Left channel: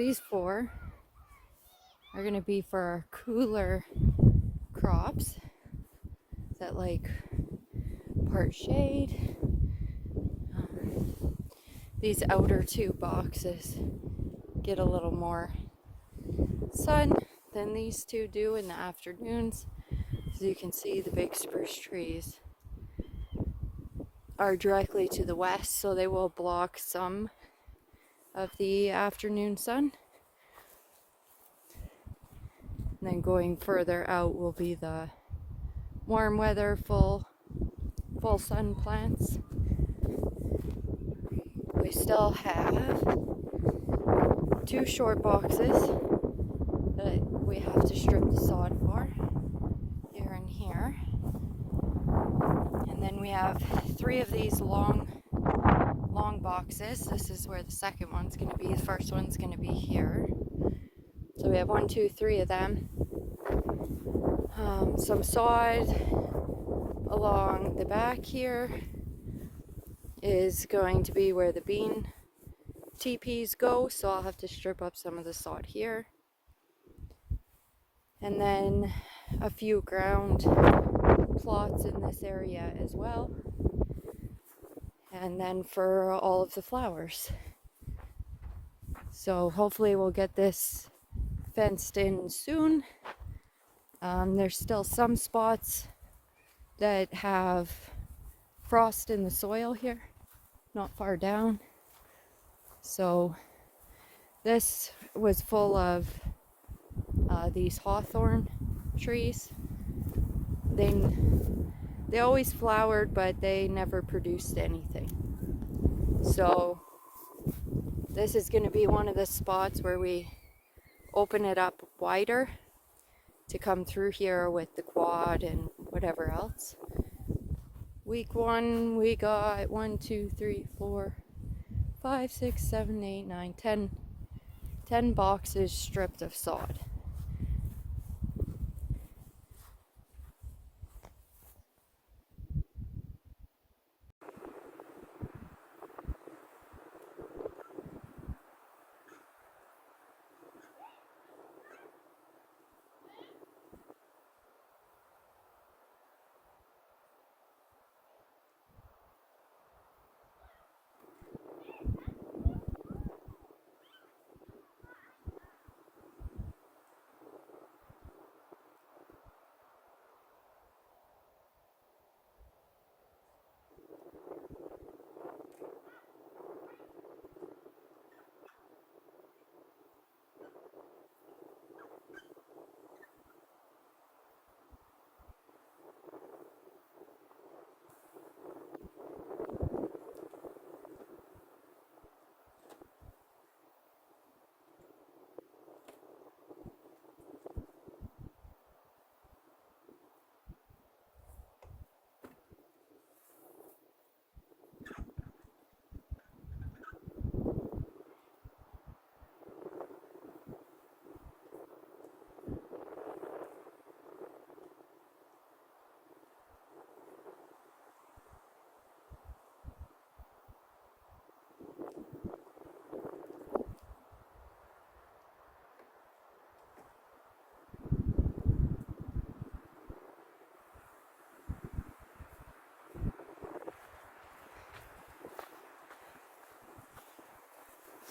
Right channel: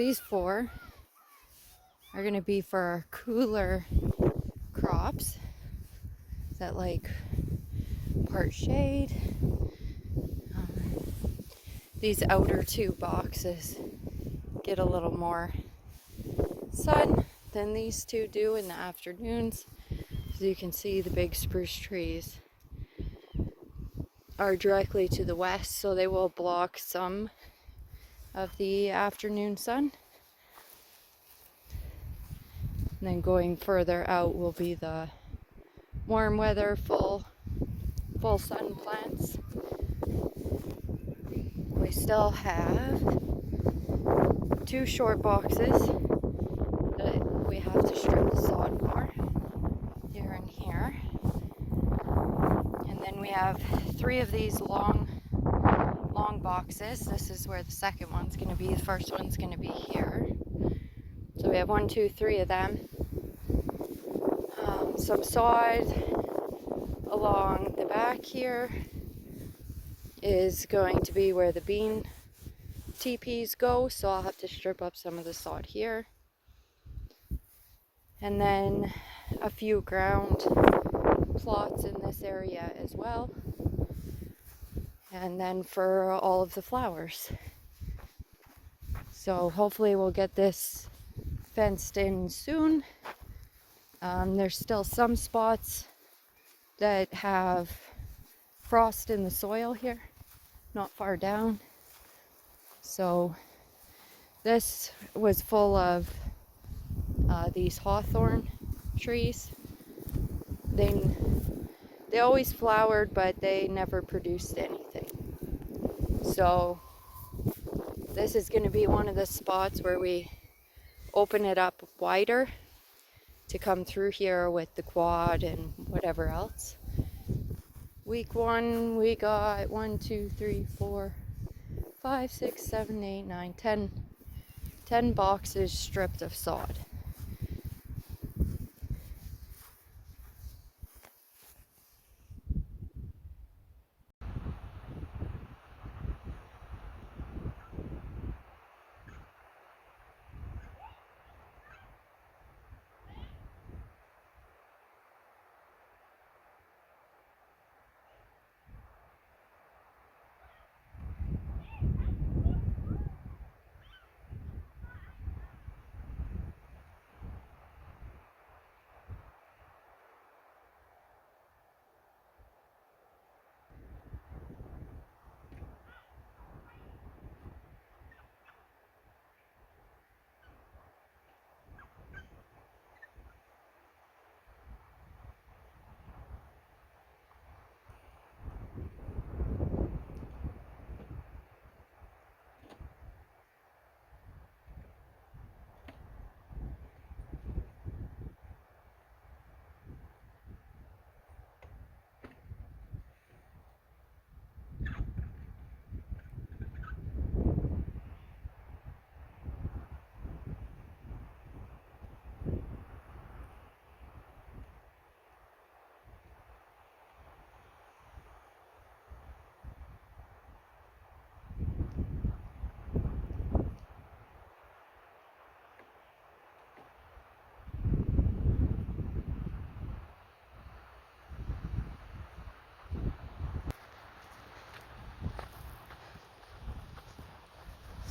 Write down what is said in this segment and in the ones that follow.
these 4 are going to be for our cooler crops that like part shade. These outer 2 boxes get a little more sun than these 2 do in the afternoons. As you can see, the big spruce trees are directly to the west, so they will block some of the afternoon sun. And then going further out will be the warm weather, full sun plants. We still have 2 short boxes that we have to strip the sod for, here and here. And then we have 3 of these long boxes. This is where the second one's going to be. The first one's going to be here. So we have 1, 2, 3 of them. Some sod along the back here is going to be where the bean TPs go, so I'll have to strip up some of the sod here. And then a few ground plots in this area as well. And then for all of the flowers. So hopefully we'll get this fenced in soon. There's still some spots that have frost in the soil here, not far down. So this was full of these hawthorn trees. They always flowered, but they never produced anything. So this is going to be one of the spots where we open it up wider to come through here with the quad and whatever else. Week 1, we got 1, 2, 3, 4, 5, 6, 7, 8, 9, 10 boxes stripped of sod.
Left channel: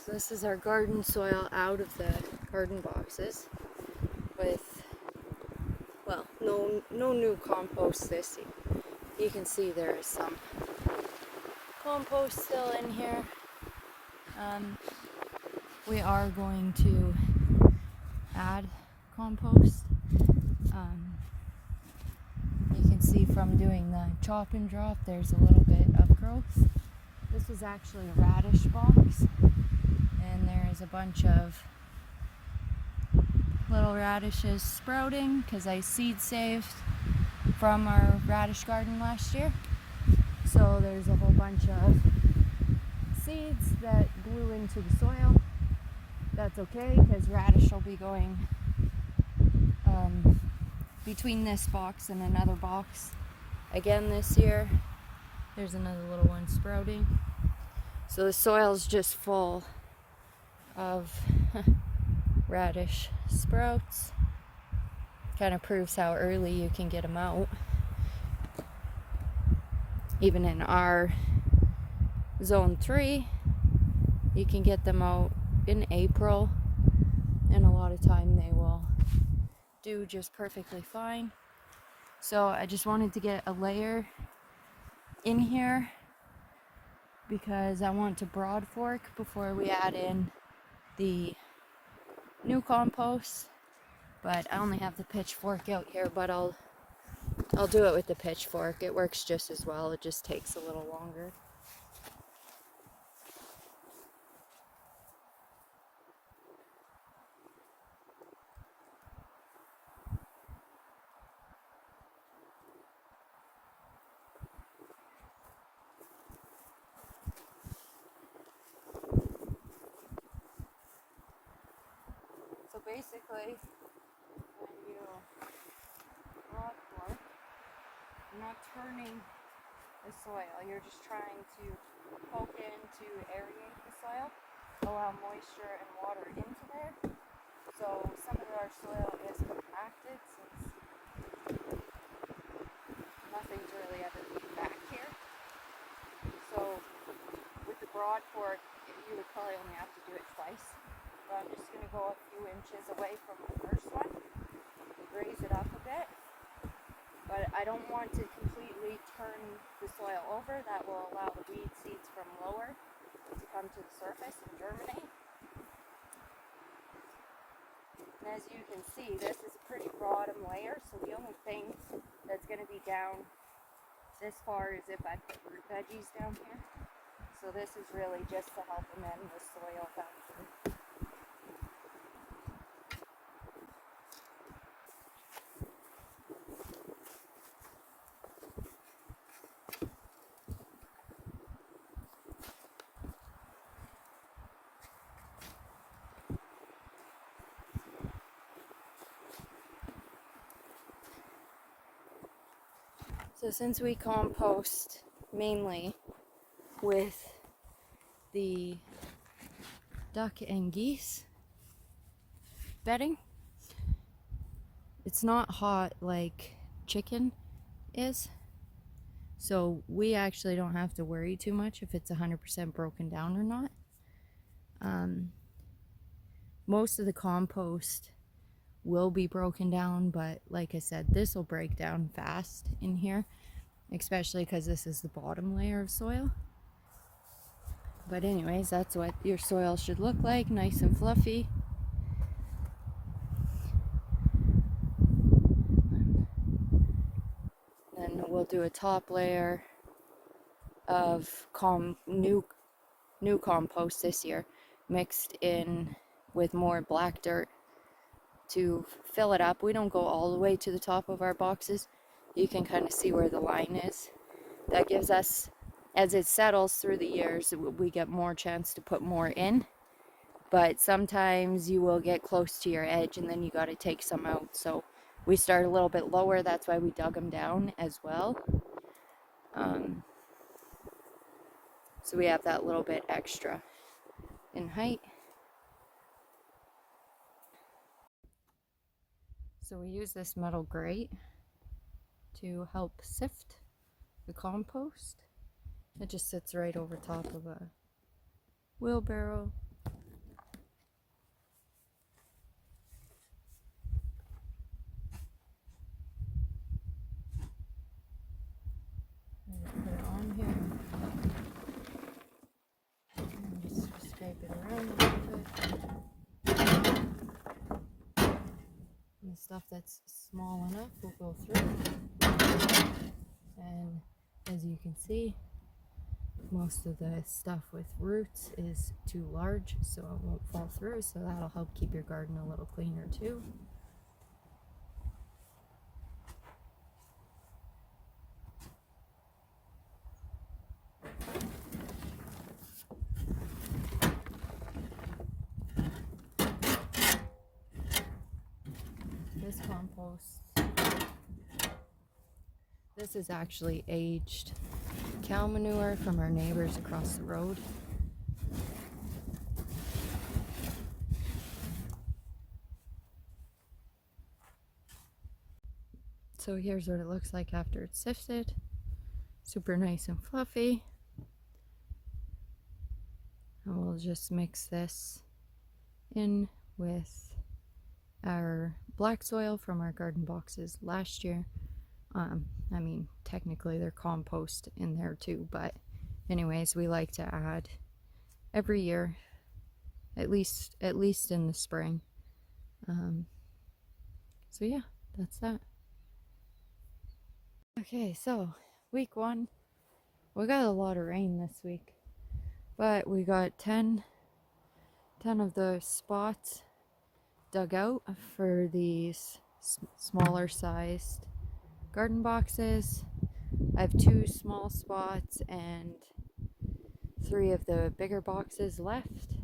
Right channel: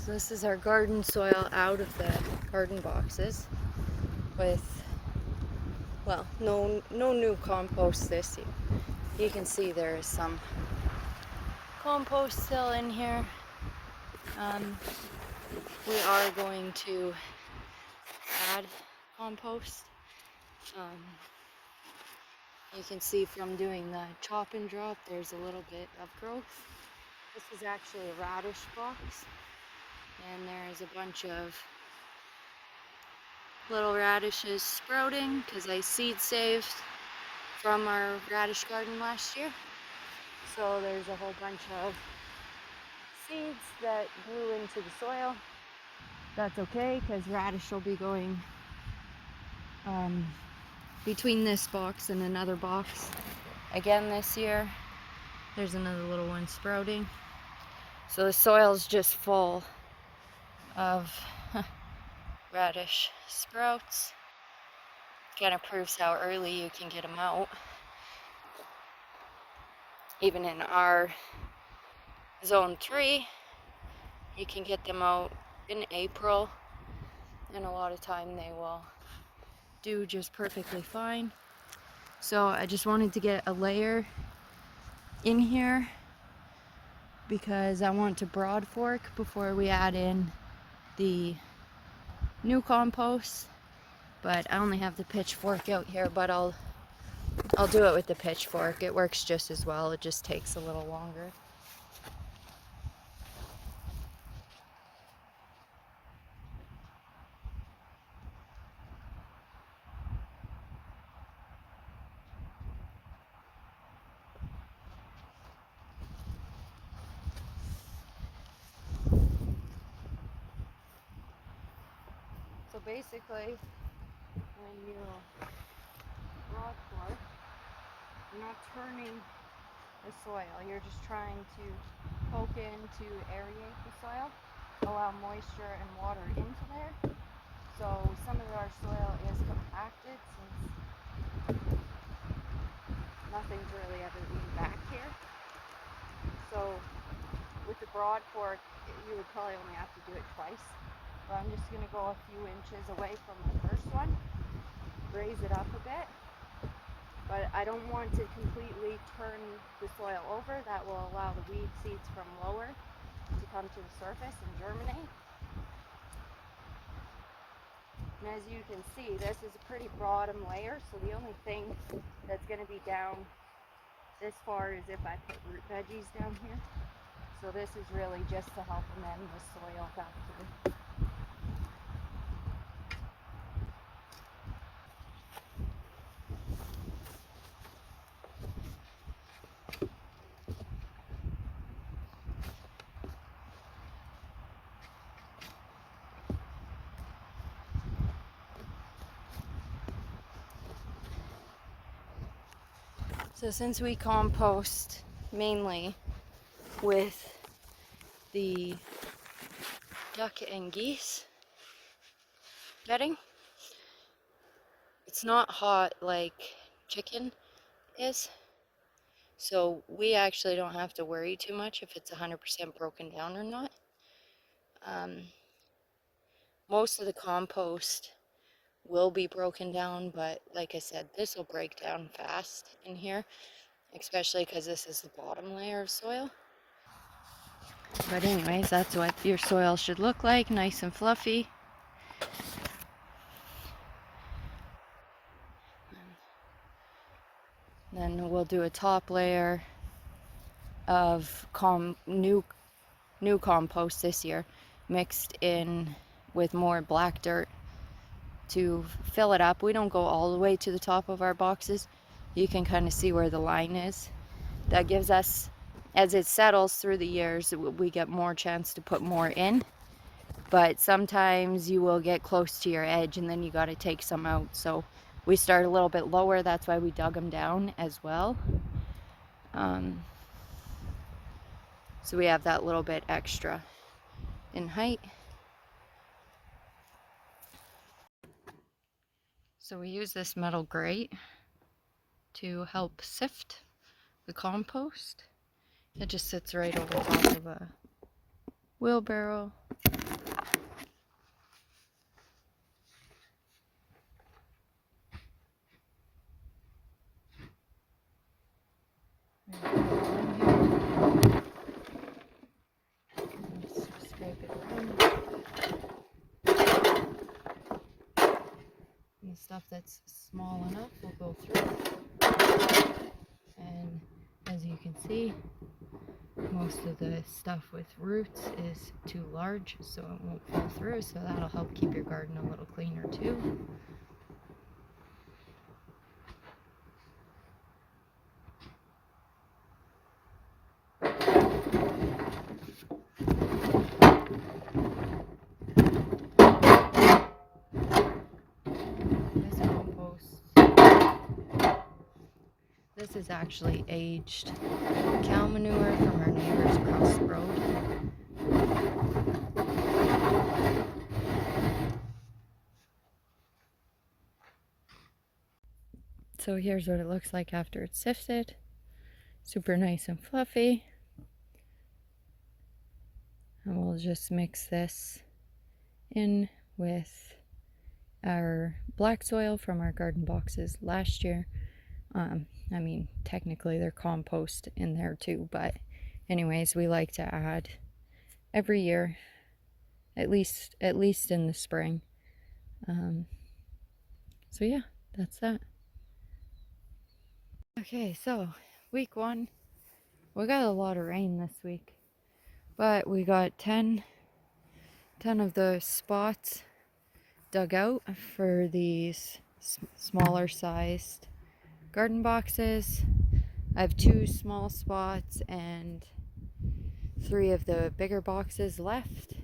So this is our garden soil out of the garden boxes with, well, no new compost this year. You can see there is some compost still in here. We are going to add compost. You can see from doing the chop and drop, there's a little bit of growth. This is actually a radish box, and there's a bunch of little radishes sprouting because I seed saved from our radish garden last year. So there's a whole bunch of seeds that grew into the soil. That's okay because radish will be going between this box and another box again this year. There's another little one sprouting. So the soil's just full of radish sprouts. Kind of proves how early you can get them out. Even in our zone 3, you can get them out in April, and a lot of time they will do just perfectly fine. So I just wanted to get a layer in here because I want to broad fork before we add in the new compost. But I only have the pitchfork out here, but I'll do it with the pitchfork. It works just as well, it just takes a little longer. So basically, when you broad fork, you're not turning the soil, you're just trying to poke in to aerate the soil, allow moisture and water into there. So some of our soil is compacted since nothing's really ever been back here. So with the broad fork, you would probably only have to do it twice. But I'm just going to go a few inches away from the first one, raise it up a bit. But I don't want to completely turn the soil over. That will allow the weed seeds from lower to come to the surface and germinate. And as you can see, this is a pretty bottom layer, so the only thing that's going to be down this far is if I put root veggies down here. So this is really just to help amend the soil back through. So since we compost mainly with the duck and geese bedding, it's not hot like chicken is. So we actually don't have to worry too much if it's 100% broken down or not. Most of the compost will be broken down, but like I said, this will break down fast in here, especially because this is the bottom layer of soil. But anyways, that's what your soil should look like, nice and fluffy. Then we'll do a top layer of new compost this year, mixed in with more black dirt to fill it up. We don't go all the way to the top of our boxes. You can kind of see where the line is. That gives us, as it settles through the years, we get more chance to put more in. But sometimes you will get close to your edge and then you got to take some out. So we start a little bit lower. That's why we dug them down as well. So we have that little bit extra in height. So we use this metal grate to help sift the compost. It just sits right over top of a wheelbarrow. And stuff that's small enough will go through. And as you can see, most of the stuff with roots is too large, so it won't fall through, so that'll help keep your garden a little cleaner too. This is actually aged cow manure from our neighbors across the road. So here's what it looks like after it's sifted. Super nice and fluffy. And we'll just mix this in with our black soil from our garden boxes last year. I mean, technically they're compost in there too, but anyways, we like to add every year, at least in the spring. So yeah, that's that. Okay, so week 1, we got a lot of rain this week, but we got 10 of the spots dug out for these smaller sized garden boxes. I have 2 small spots and 3 of the bigger boxes left.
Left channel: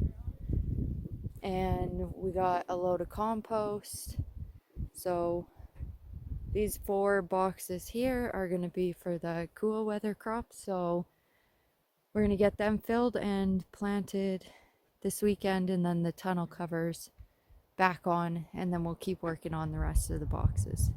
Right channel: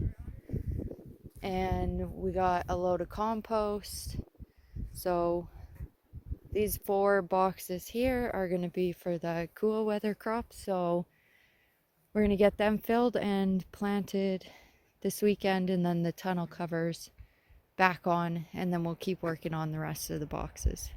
And we got a load of compost. So these 4 boxes here are going to be for the cool weather crops. So we're going to get them filled and planted this weekend, and then the tunnel covers back on, and then we'll keep working on the rest of the boxes.